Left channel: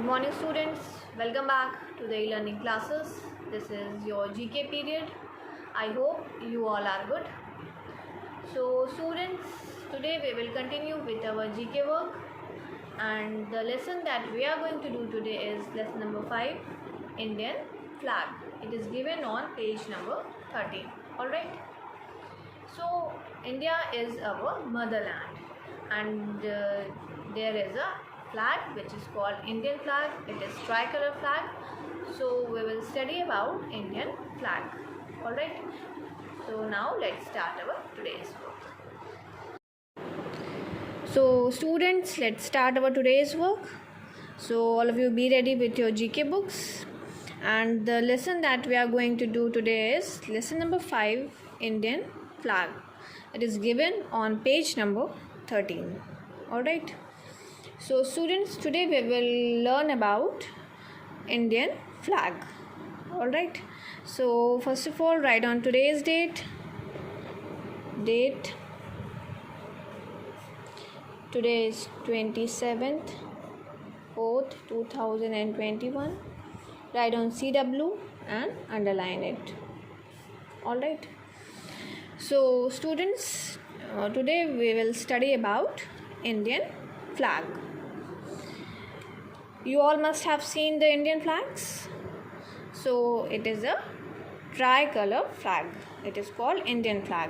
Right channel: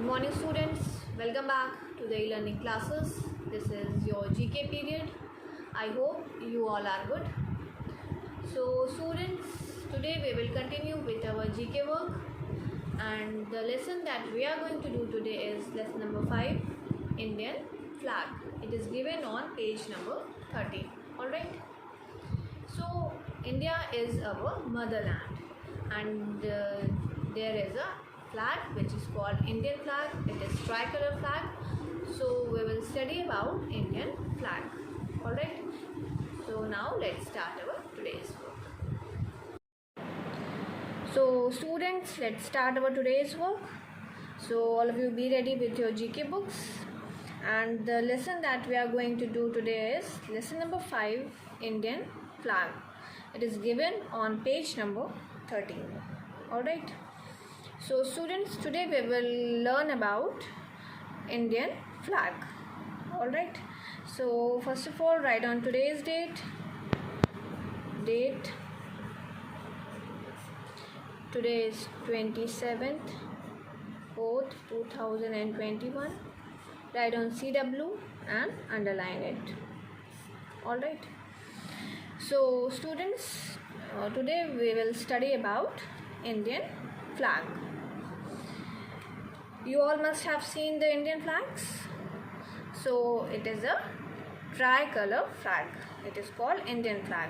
Good morning students, welcome back to the e-learning classes. This is your GK period. I hope you all are good. So students, today we will continue with our GK work, and the lesson that we are going to do today is lesson number 5, Indian flag. It is given on page number 13. Alright. So India is our motherland, and there is a flag which is called Indian flag. It is tricolor flag. So we will study about Indian flag. Alright. So now let's start our today's work. So students, let's start our today's work. So all of you be ready with your GK books. And the lesson that we are going to do today is lesson number 5, Indian flag. It is given on page number 13. Alright. So students, today we will learn about Indian flag. Alright. So first of all, write on today's date. Today is 27th 4th 2021. Write on CW and underline it. Alright. So students, today we will study about Indian flag. You all must have seen the Indian flags. So it is a tricolor flag. It is called Indian flag.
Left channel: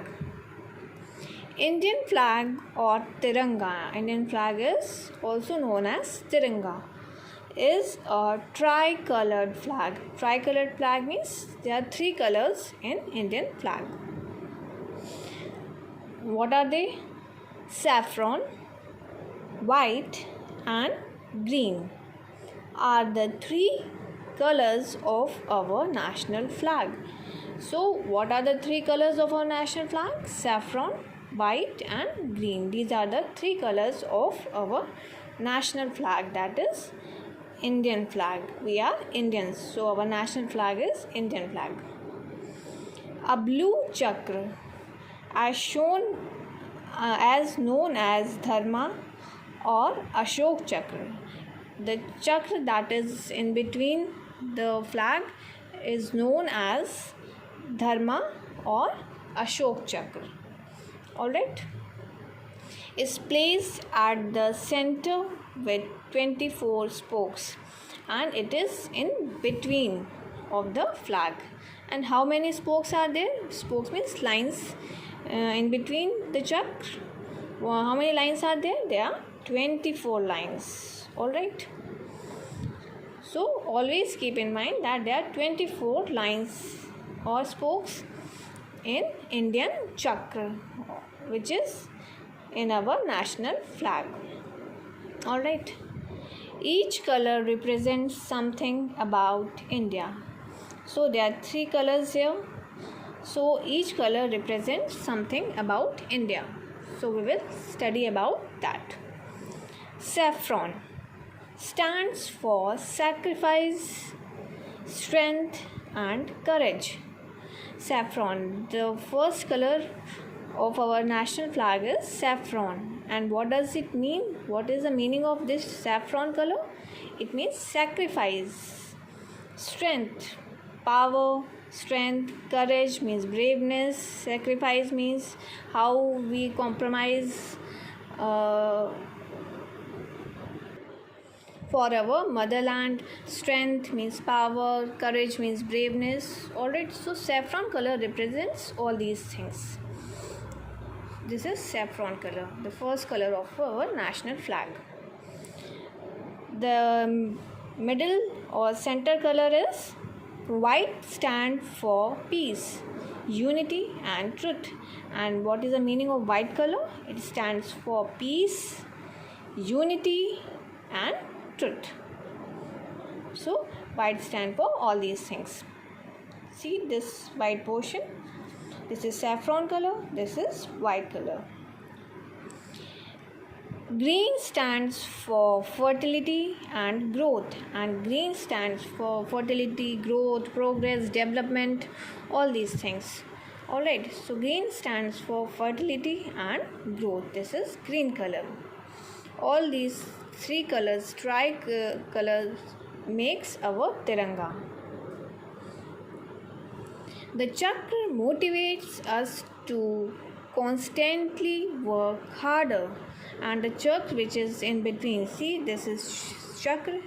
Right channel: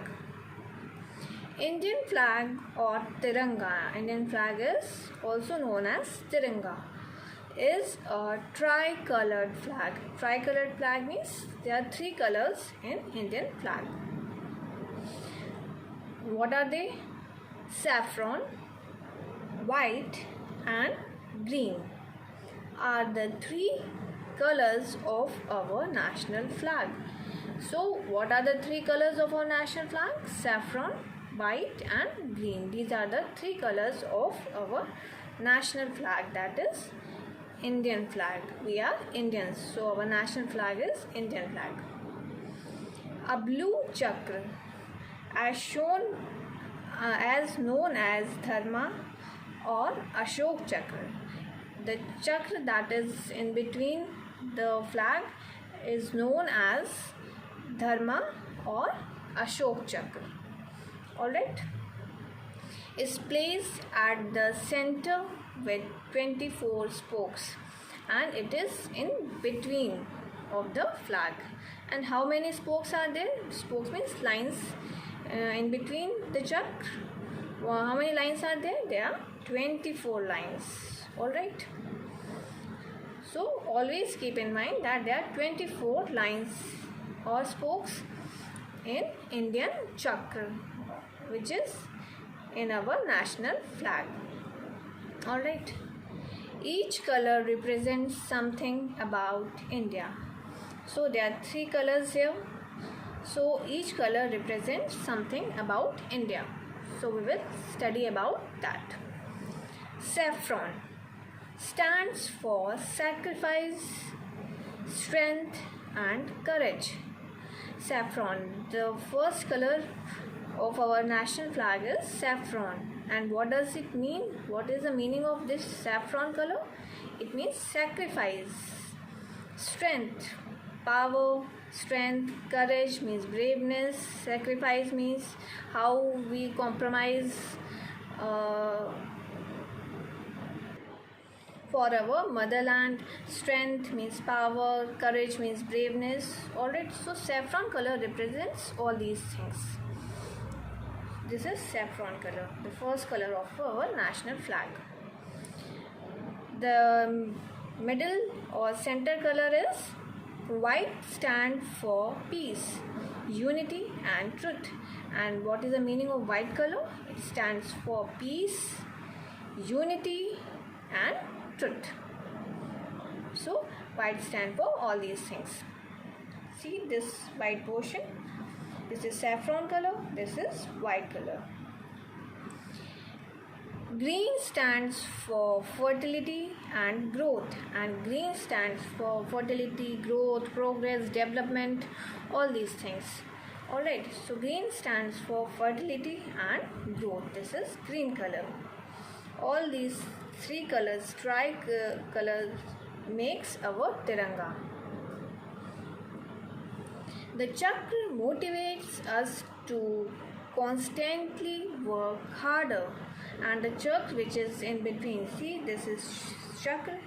Indian flag or Tiranga, Indian flag is also known as Tiranga, is a tricolored flag. Tricolored flag means there are 3 colors in Indian flag. What are they? Saffron, white and green are the 3 colors of our national flag. So what are the 3 colors of our national flag? Saffron, white and green. These are the 3 colors of our national flag, that is Indian flag. We are Indians, so our national flag is Indian flag. A blue chakra as shown as known as Dharma or Ashok chakra. The chakra that is in between the flag is known as Dharma or Ashok chakra. Alright. Is placed at the center with 24 spokes, and it is in between of the flag. And how many spokes are there? Spokes means lines in between the chakra. How many lines are there? There are 24 lines. Alright. So always keep in mind that there are 24 lines or spokes in Indian chakra, which is in our national flag. Alright. Each color represents something about India. So there are 3 colors here. So each color represents something about India. So we will study about that. Saffron stands for sacrifice, strength and courage. Saffron, the first color of our national flag is saffron. And what does it mean? What is the meaning of this saffron color? It means sacrifice, strength, power, strength, courage means braveness, sacrifice means how we compromise for our motherland, strength means power, courage means braveness. Alright, so saffron color represents all these things. This is saffron color, the first color of our national flag. The middle or center color is white, stand for peace, unity and truth. And what is the meaning of white color? It stands for peace, unity and truth. So white stand for all these things. See this white portion. This is saffron color. This is white color. Green stands for fertility and growth, and green stands for fertility, growth, progress, development, all these things. Alright, so green stands for fertility and growth. This is green color. All these three colors, colors makes our Tiranga. The chakra motivates us to constantly work harder, and the chakra which is in between, see, this is chakra,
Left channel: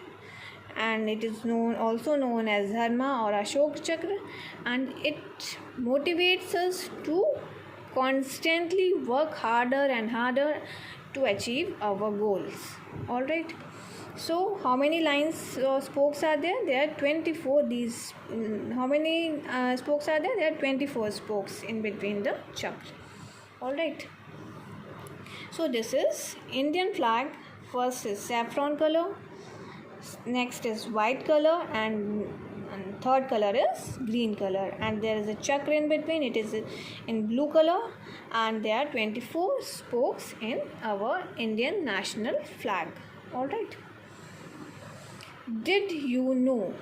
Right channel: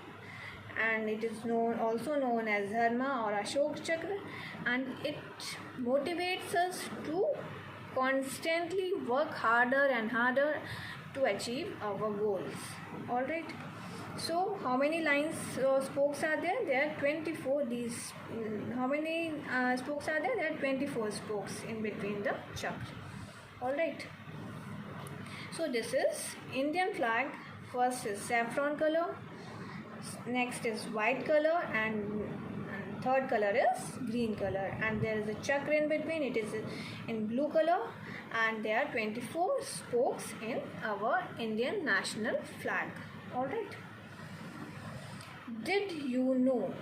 and it is also known as Dharma or Ashok chakra, and it motivates us to constantly work harder and harder to achieve our goals. All right. So how many lines or spokes are there? There are 24. These how many spokes are there? There are 24 spokes in between the chakra. All right. So this is Indian flag. First is saffron color, next is white color, and third color is green color, and there is a chakra in between. It is in blue color, and there are 24 spokes in our Indian national flag. All right. Did you know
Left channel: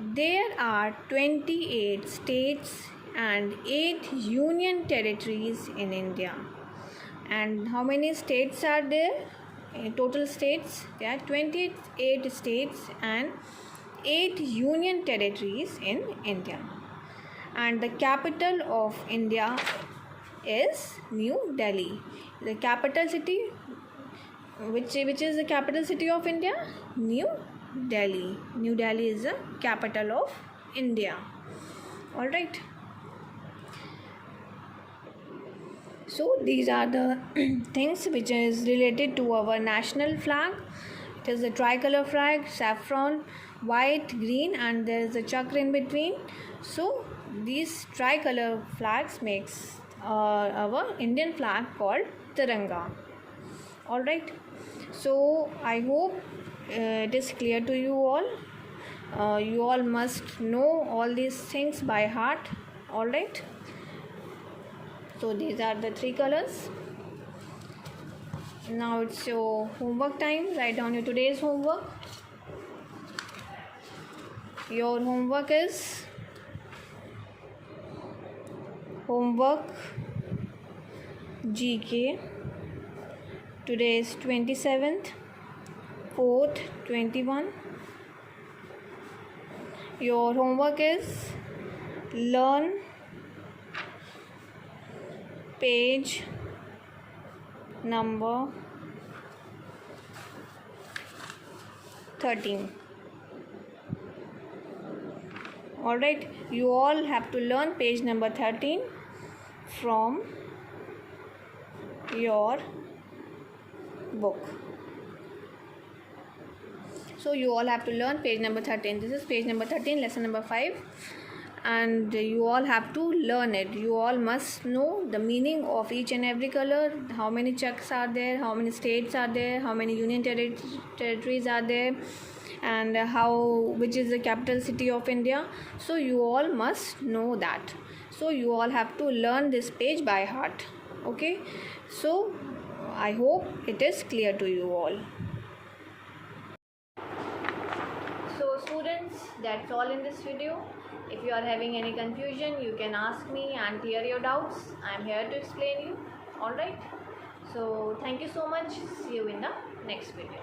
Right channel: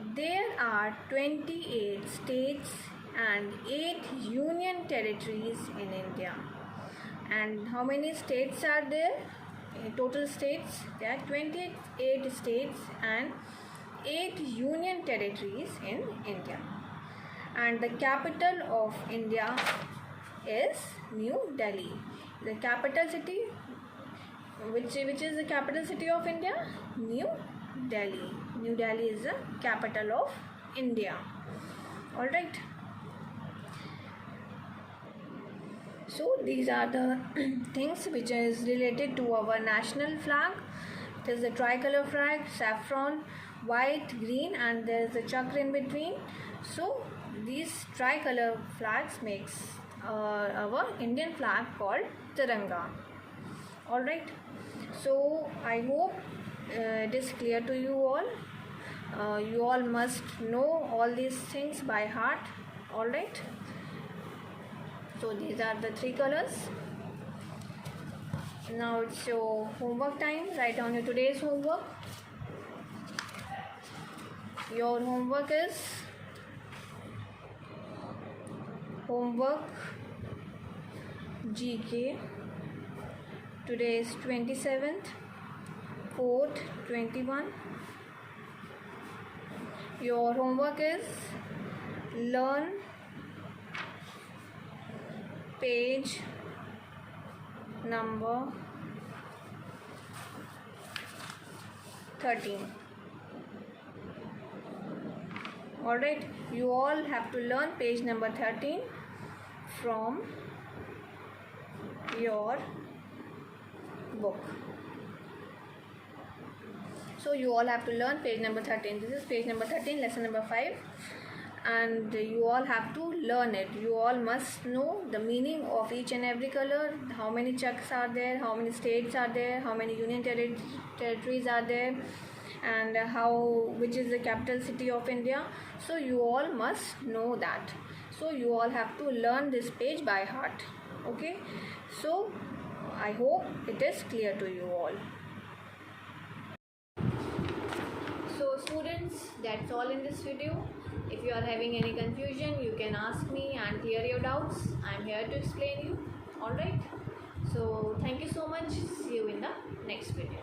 there are 28 states and 8 union territories in India? And how many states are there? Total states, there are 28 states and 8 union territories in India. And the capital of India is New Delhi. The capital city, which is the capital city of India? New Delhi. New Delhi is the capital of India. All right. So these are the things which is related to our national flag. It is a tricolor flag, saffron, white, green, and there is a chakra in between. So these tricolor flags makes our Indian flag called Tiranga. All right. So I hope it is clear to you all. You all must know all these things by heart. All right. So these are the three colors. Now it's your homework time. Write down your today's homework. Your homework is homework GK. Today is 27th, 4th, 21. Your homework is learn page number 13. All right, you all have to learn page number 13 from your book. So you all have to learn page number 13. This is page number 13, lesson number 5, and you all have to learn it. You all must know the meaning of each and every color, how many chaks are there, how many states are there, how many union territories are there, and which is the capital city of India. So you all must know that. So you all have to learn this page by heart. Okay, so I hope it is clear to you all. So students, that's all in this video. If you are having any confusion, you can ask me and clear your doubts. I am here to explain you. Alright. So thank you so much. See you in the next video.